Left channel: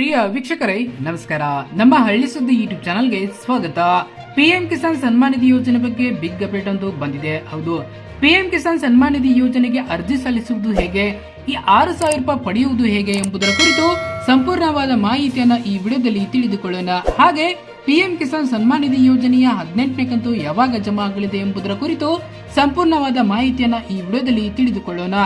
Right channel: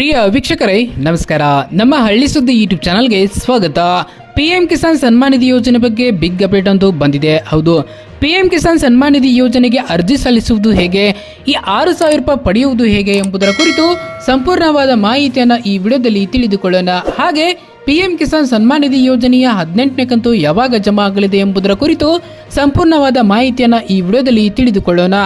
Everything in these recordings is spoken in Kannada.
ಪ್ರಿಯ ವೀಕ್ಷಕರೇ, ನಮಸ್ಕಾರ. ನಮ್ಮ ಹಳ್ಳಿ ಸುದ್ದಿ ಯೂಟ್ಯೂಬ್ ಚಾನಲ್ಗೆ ಸ್ವಾಗತ. ಪಿ ಎಂ ಕಿಸಾನ್ ಸನ್ಮಾನ್ ನಿಧಿ ಯೋಜನೆ ಬಗ್ಗೆ ಬಿಗ್ ಅಪ್ಡೇಟ್ ಅಂತ ಬಂದಿದೆ. ಹೌದು ಪಿ ಎಂ ಕಿಸಾನ್ ಸನ್ಮಾನ್ ನಿಧಿ ಯೋಜನೆಗೆ ಅರ್ಜಿ ಸಲ್ಲಿಸುವುದು ಹೇಗೆ, ಈ ಆರು ಸಾವಿರ ರೂಪಾಯಿ ಪಡೆಯುವುದು ಹೇಗೆ ಎಂಬುದರ ಕುರಿತು ಸಂಪೂರ್ಣವಾದ ಮಾಹಿತಿಯನ್ನು ಈ ವಿಡಿಯೋದಲ್ಲಿ ತಿಳಿದುಕೊಳ್ಳೋಣ. ಹಾಗೆ ಪಿಎಂ ಕಿಸಾನ್ ಸನ್ಮಾನ್ ನಿಧಿ ಯೋಜನೆಯ ಹದಿನೆಂಟನೇ ಕಂತು ಯಾವಾಗ ಜಮಾ ಆಗಲಿದೆ ಎಂಬುದರ ಕುರಿತು ಸಂಪೂರ್ಣವಾದ ಮಾಹಿತಿಯನ್ನು ಈ ವಿಡಿಯೋದಲ್ಲಿ ತಿಳಿದುಕೊಳ್ಳೋಣ.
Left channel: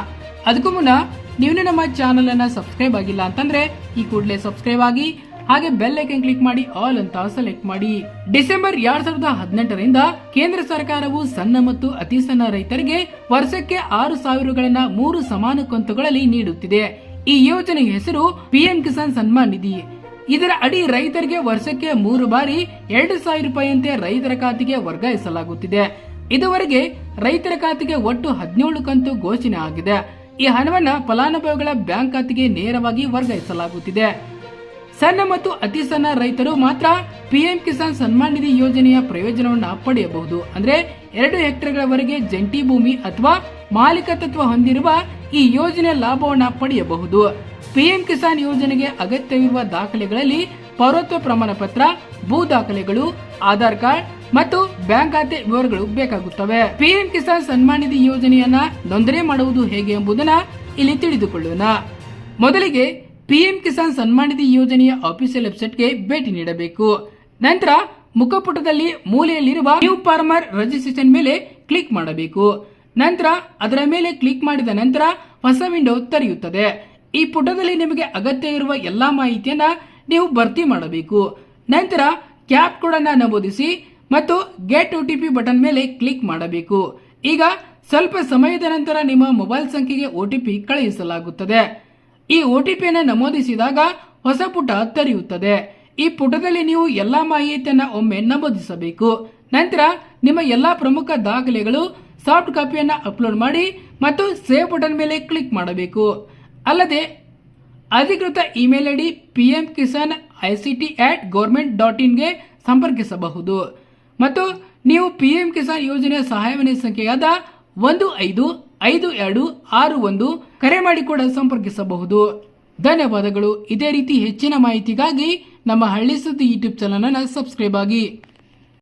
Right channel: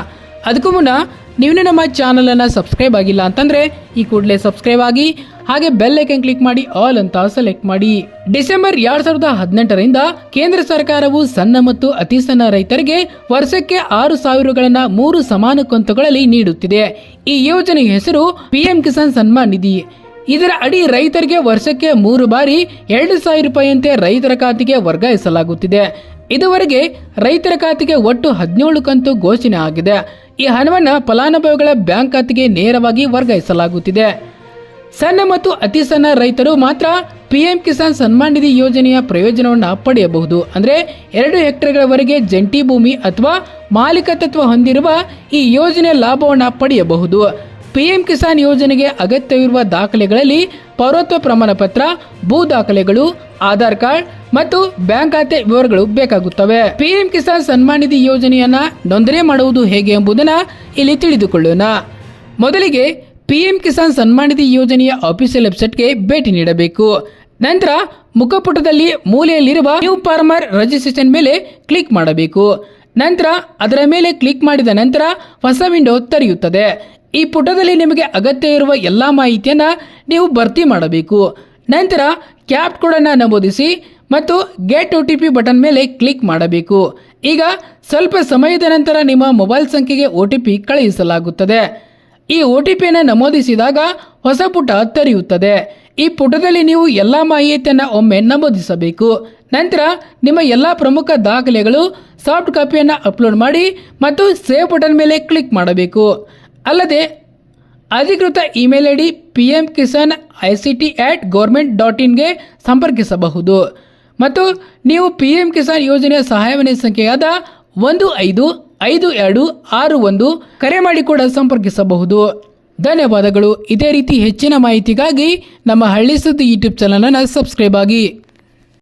ಅದಕ್ಕೂ ಮುನ್ನ ನೀವು ನಮ್ಮ ಚಾನಲ್ ಅನ್ನ ಸಬ್ಸ್ಕ್ರೈಬ್ ಆಗಿಲ್ಲ ಅಂತಂದ್ರೆ ಈ ಕೂಡಲೇ ಸಬ್ಸ್ಕ್ರೈಬ್ ಆಗಿ, ಹಾಗೆ ಬೆಲ್ ಐಕನ್ ಕ್ಲಿಕ್ ಮಾಡಿ ಆಲ್ ಅಂತ ಸೆಲೆಕ್ಟ್ ಮಾಡಿ. ಡಿಸೆಂಬರ್ ಎರಡ್ ಸಾವಿರದ ಹದಿನೆಂಟರಿಂದ ಕೇಂದ್ರ ಸರ್ಕಾರವು ಸಣ್ಣ ಮತ್ತು ಅತಿ ಸಣ್ಣ ರೈತರಿಗೆ ವರ್ಷಕ್ಕೆ ಆರು ಸಾವಿರಗಳನ್ನ ಮೂರು ಸಮಾನ ಕಂತುಗಳಲ್ಲಿ ನೀಡುತ್ತಿದೆ. ಈ ಯೋಜನೆಯ ಹೆಸರು ಪಿಎಂ ಕಿಸಾನ್ ಸನ್ಮಾನ್ ನಿಧಿ. ಇದರ ಅಡಿ ರೈತರಿಗೆ ವರ್ಷಕ್ಕೆ ಮೂರು ಬಾರಿ ಎರಡು ಸಾವಿರ ರೂಪಾಯಿಯಂತೆ ರೈತರ ಖಾತೆಗೆ ವರ್ಗಾಯಿಸಲಾಗುತ್ತಿದೆ. ಇದುವರೆಗೆ ರೈತರ ಖಾತೆಗೆ ಒಟ್ಟು ಹದಿನೇಳು ಕಂತು ಘೋಷಣೆ ಆಗಿದೆ. ಈ ಹಣವನ್ನು ಫಲಾನುಭವಿಗಳ ಬ್ಯಾಂಕ್ ಖಾತೆಗೆ ನೇರವಾಗಿ ವರ್ಗಾಯಿಸಲಾಗುತ್ತಿದೆ. ಸಣ್ಣ ಮತ್ತು ಅತಿ ಸಣ್ಣ ರೈತರು ಮಾತ್ರ ಪಿಎಂ ಕಿಸಾನ್ ಸನ್ಮಾನ್ ನಿಧಿ ಯೋಜನೆಯ ಪ್ರಯೋಜನವನ್ನು ಪಡೆಯಬಹುದು. ಅಂದರೆ ಎರಡು ಹೆಕ್ಟೇರ್ಗಳವರೆಗೆ ಜಂಟಿ ಭೂಮಿ ಅಥವಾ ಮಾಲೀಕತ್ವ ಹೊಂದಿರುವ ಈ ಯೋಜನೆಯ ಲಾಭವನ್ನು ಪಡೆಯಬಹುದು. ಪಿಎಂ ಕಿಸಾನ್ ಯೋಜನೆಗೆ ಅಗತ್ಯವಿರುವ ದಾಖಲೆಗಳಲ್ಲಿ ಪೌರತ್ವ ಪ್ರಮಾಣ ಪತ್ರ ಭೂ ದಾಖಲೆಗಳು, ಆಧಾರ್ ಕಾರ್ಡ್ ಮತ್ತು ಬ್ಯಾಂಕ್ ಖಾತೆ ವಿವರಗಳು ಬೇಕಾಗುತ್ತವೆ. ಪಿಎಂ ಕಿಸಾನ್ ಸನ್ಮಾನ್ ನಿಧಿ ಯೋಜನೆಯನ್ನ ನೋಂದಣಿ ಮಾಡುವುದು ಹೇಗೆ ಎಂಬುದನ್ನ ಇಲ್ಲಿ ತಿಳಿದುಕೊಳ್ಳೋಣ. ಮೊದಲಿಗೆ ಪಿಎಂ ಕಿಸಾನ್ ಸನ್ಮಾನ್ ನಿಧಿ ಯೋಜನೆಯ ಆಫೀಸಿಯಲ್ ವೆಬ್ಸೈಟ್ಗೆ ಭೇಟಿ ನೀಡಬೇಕು. ನಂತರ ಮುಖಪುಟದಲ್ಲಿ ಮೂಲೆಯಲ್ಲಿರುವ ನ್ಯೂ ಫಾರ್ಮರ್ ರಿಜಿಸ್ಟ್ರೇಷನ್ ಮೇಲೆ ಕ್ಲಿಕ್ ಮಾಡಬೇಕು. ನಂತರ ಅದರ ಮೇಲೆ ಕ್ಲಿಕ್ ಮಾಡಿದ ನಂತರ ಹೊಸ ವಿಂಡೋ ತೆರೆಯುತ್ತದೆ. ಈ ಪುಟದಲ್ಲಿ ನಿಮಗೆ ಅಗತ್ಯ ಇರುವ ಎಲ್ಲ ಮಾಹಿತಿಯನ್ನ ನೀವು ಭರ್ತಿ ಮಾಡಬೇಕು. ನಂತರ ಕ್ಯಾಪ್ ಕೋಡನ್ನು ನಮೂದಿಸಿ ಮತ್ತು get O T P button ಮೇಲೆ ಕ್ಲಿಕ್ ಮಾಡಬೇಕು. ಈಗ ಸ್ವಲ್ಪ ಸಮಯದ ನಂತರ ನಿಮ್ಮ ಮೊಬೈಲ್ ಸಂಖ್ಯೆಗೆ ಒ ಟಿ ಪಿ ಕಳುಹಿಸಲಾಗುತ್ತದೆ. ಈ ಒ ಟಿ ಪಿಯನ್ನು ನಮೂದಿಸಿದಾಗ ಹೊಸ ಪುಟ ತೆರೆಯುತ್ತದೆ. ಈ ಪುಟದಲ್ಲಿ ನೀವು ಎಲ್ಲ ಮಾಹಿತಿಯನ್ನು ಒಮ್ಮೆ ನಮೂದಿಸಬೇಕು. ನಂತರ ನಿಮ್ಮ ಎಲ್ಲ ಪ್ರಮುಖ ದಾಖಲೆಗಳು, ಸಾಫ್ಟ್ ಕಾಪಿಯನ್ನು ಅಪ್ಲೋಡ್ ಮಾಡಿ ಮತ್ತು ಸೇವ್ ಬಟನ್ ಮೇಲೆ ಕ್ಲಿಕ್ ಮಾಡಬೇಕು. ಅಲ್ಲದೆ ಅಧಿಕೃತ email I D P M Kisan I C T at government dot ಇನ್ಗೆ ಸಂಪರ್ಕಿಸಬಹುದು. ಮತ್ತು ನೀವು ಪಿ ಎಂ ಕಿಸಾನ್ ಯೋಜನೆಯ ಸಹಾಯವಾಣಿ ಸಂಖ್ಯೆಯಾದ ಒಂದು ಐದು ಐದು, ಎರಡು, ಆರು, ಒಂದು ಕರೆ ಮಾಡಿ ಕೂಡ ಸಂಪರ್ಕಿಸಬಹುದು. ಧನ್ಯವಾದಗಳು. ಇದೇ ರೀತಿ ಹೆಚ್ಚಿನ ಮಾಹಿತಿಗಾಗಿ ನಮ್ಮ ಹಳ್ಳಿ ಸುದ್ದಿ ಯೂಟ್ಯೂಬ್ ಚಾನಲನ್ನು ಸಬ್ಸ್ಕ್ರೈಬ್ ಆಗಿ.